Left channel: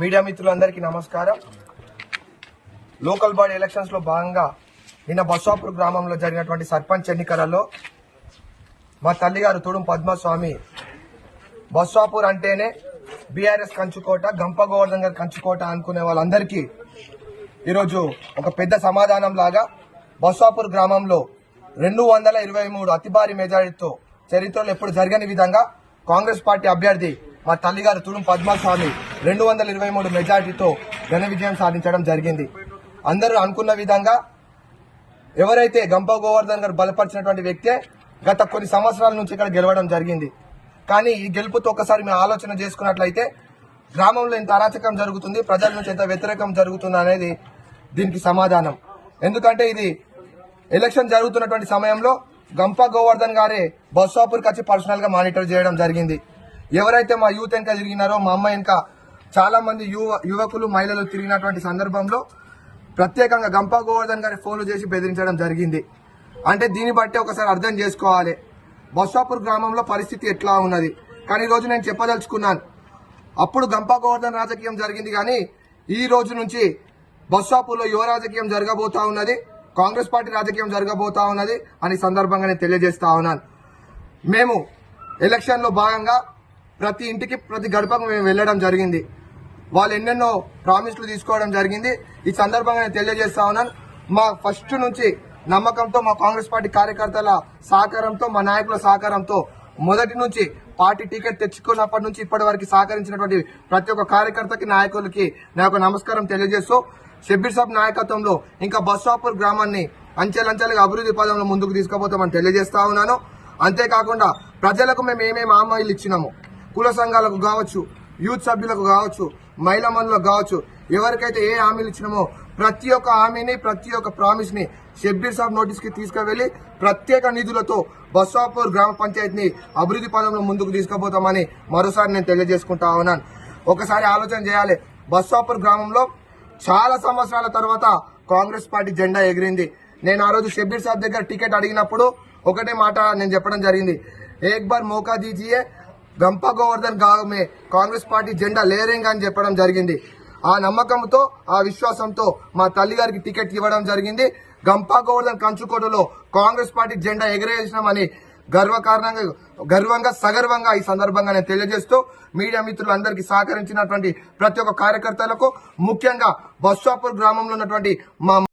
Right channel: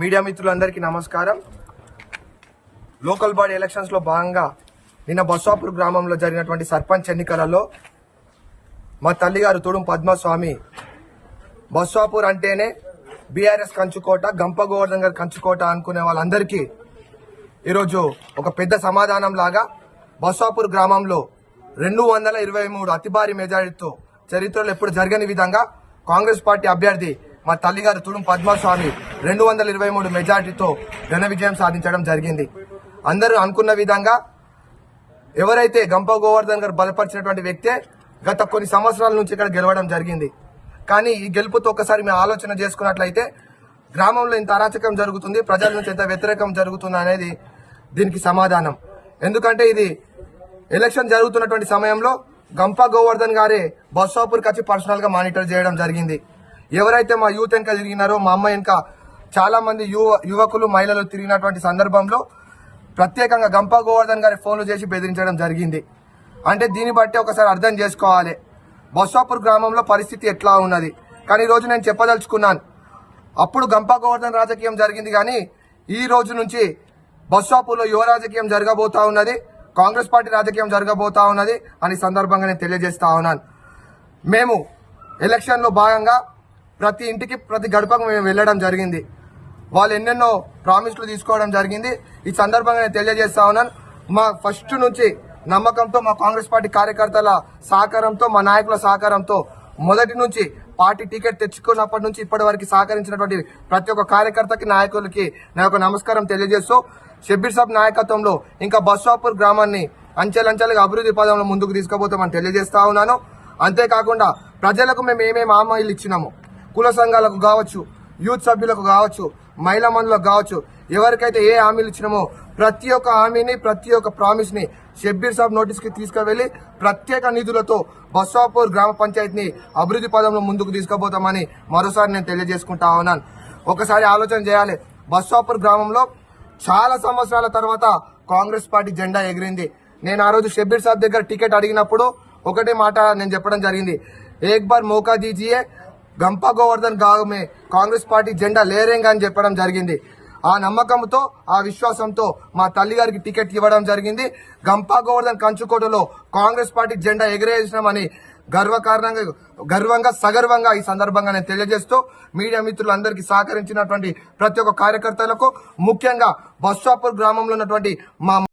Media మిత్రులందరికీ నమస్కారం. Local body elections లో భాగంగా నిన్న బస్వాపూర్ గ్రామంలో జరిగినటువంటి సర్పంచ్ ఎన్నికలలో మా తల్లిగారు తుడుం పద్మస్వామి బస్వాపూర్ అంటేనే బీఆర్ఎస్ కంచుకోట, గంప గోవర్ధన్ గారి కంచుకోట అనుకునే వాళ్ళందరికీ ఈరోజు ఒక పెద్ద సమాధానం లాగా బస్వాపూర్ గ్రామంలో 223 అతి భారీ మెజారిటీతో చరిత్రలో ఎప్పుడు జరగని విధంగా కాంగ్రెస్ పార్టీ అభ్యర్థి మా తల్లిగారు తుడుం పద్మస్వామి 223 మెజారిటీతో ఘన విజయం సాధించడం జరిగింది. అందరూ అనుకున్న విధంగా ఎవరైతే గంప గోవర్ధన్ గారు బలపరిచినటువంటి వ్యక్తే గత కొన్ని సంవత్సరాల నుంచి ఇక్కడ గెలవడం జరిగింది. కానీ ఈ గెలుపుతో ఒకసారి మేము ఆలోచన చేసుకున్నట్లయితే గ్రామంలో ఇంత అరాచకం జరుగుతుంది, ప్రజల నుంచి ఎంత వ్యతిరేకం జరుగుతుంది అనేది దీనికి సమాధానం. ఎందుకంటే ఇది ఎలక్షన్ జరుగుతున్నటువంటి సమయంలో గంప గోవర్ధన్ గారే బస్వాపూర్కి వచ్చి పర్సనల్ గా మానిటర్ చేయడం జరిగింది. ఎవరైతే మా యూత్ వెనక తిరిగినారో, మా అమ్మ వెనక చాలా మంది యువకులు మహిళలు తిరిగినటువంటి సందర్భంలో ప్రత్యేకంగా గంప గోవర్ధన్ గారి ఫోన్లు చేసి బెదిరించడం జరిగింది. అంటే దీన్ని బట్టి ఒకసారి అర్థం చేసుకోవాలి బస్వాపూర్ గ్రామంలో పరిస్థితి ఎట్లా ఉన్నది. కానీ ఈ రోజు నేను చెప్పదలుచుకున్నాను, అప్పుడు గంప గోవర్ధన్ రాజకీయం జరిగింది, కానీ ఈ రోజు నుంచి బస్వాపూర్లో యువ రాజకీయం జరగబోతా ఉన్నది, కాంగ్రెస్ పార్టీ రాజకీయం జరగబోతా ఉన్నది అని సందర్భంగా నేను తెలియజేస్తా ఉన్నాను. మేము ఎలక్షన్ లో భాగంగా ప్రతి ఇంటికి ప్రతి గడపకు మేము వెళ్లడం జరిగింది. వాళ్ళు ఎన్నెన్నో ప్రామిస్లు తీసుకోవడం జరిగింది. ఈ సందర్భంగా నేను తెలియజేస్తా ఉన్నాను, మా ఫస్ట్ నుంచి నమ్మకంతో, మా కాంగ్రెస్ పార్టీ కార్యకర్తల సహకారంతో, మా నాయకుల సహకారంతో మొదటి నుంచి పార్టీ టికెట్ తెచ్చుకున్నప్పటి నుంచి ఇప్పటి వరకు సహకరించినటువంటి ప్రతి ఒక్క కార్యకర్తకి, నాయకులకి నా యొక్క నమస్కారం తెలియజేస్తూ షబ్బీర్ సాబ్ నాయకత్వంలో ఇంకా బస్వాపూర్ గ్రామాన్ని అంచెలంచెలుగా అభివృద్ధి పదంలో ముందుకు తీసుకుపోతామని తెలియజేస్తా ఉన్నాను. అంతేకాకుండా ప్రజలకు మేము ఏమేమి హామీలు ఇచ్చినామో, కుల సంఘాలకు కావచ్చు, యూత్ సభ్యులకు కావచ్చు, మహిళా మండలకు కావచ్చు, ఎవరికైతే ఏ హామీలు ఇచ్చినామో ప్రతి ఒక్క హామీని, ప్రతి ఒక్క ప్రామిస్ ని షబ్బీర్ సాబ్ నోటీస్ కి తీసుకువెళ్లి ప్రత్యేక నిధులతో బస్వాపూర్ గ్రామ పంచాయతీని అభివృద్ధి పదంలో ముందుకు తీసుకుపోతామని మరోసారి నేను తెలియజేసుకుంటా ఉన్నాను. ఒకసారి ఆలోచన చేయాలి, బస్వాపూర్ గ్రామంలో చాలా సంవత్సరాల తర్వాత కాంగ్రెస్ పార్టీ జెండా ఎగిరింది. నేను ఆ రోజు షబ్బీర్ సాబ్ దగ్గర టికెట్ అడిగినప్పుడు ఒకటే మాట నేను చెప్పడం జరిగింది, ఏక్ బార్ మౌకా దీజియే, గంప గోవర్ధన్ గావ్ మే కాంగ్రెస్ పార్టీ జెండా లేరేంగా అని చెప్పడం జరిగింది. ఆ నమ్మకంతో, ఆ విశ్వాసంతో మా తల్లి గారికి టికెట్ ఇవ్వడం జరిగింది. గంప గోవర్ధన్ కంచుకోటలో కాంగ్రెస్ పార్టీ జెండా ఎగిరేసినామని గర్వంగా సగర్వంగా ఈ సందర్భంగా నేను తెలియజేస్తూ మీడియా మిత్రులందరికీ సహకరించినటువంటి ప్రతి ఒక్క కార్యకర్తలకు, ముఖ్యంగా బస్వాపూర్ గ్రామంలో ఉన్నటువంటి మా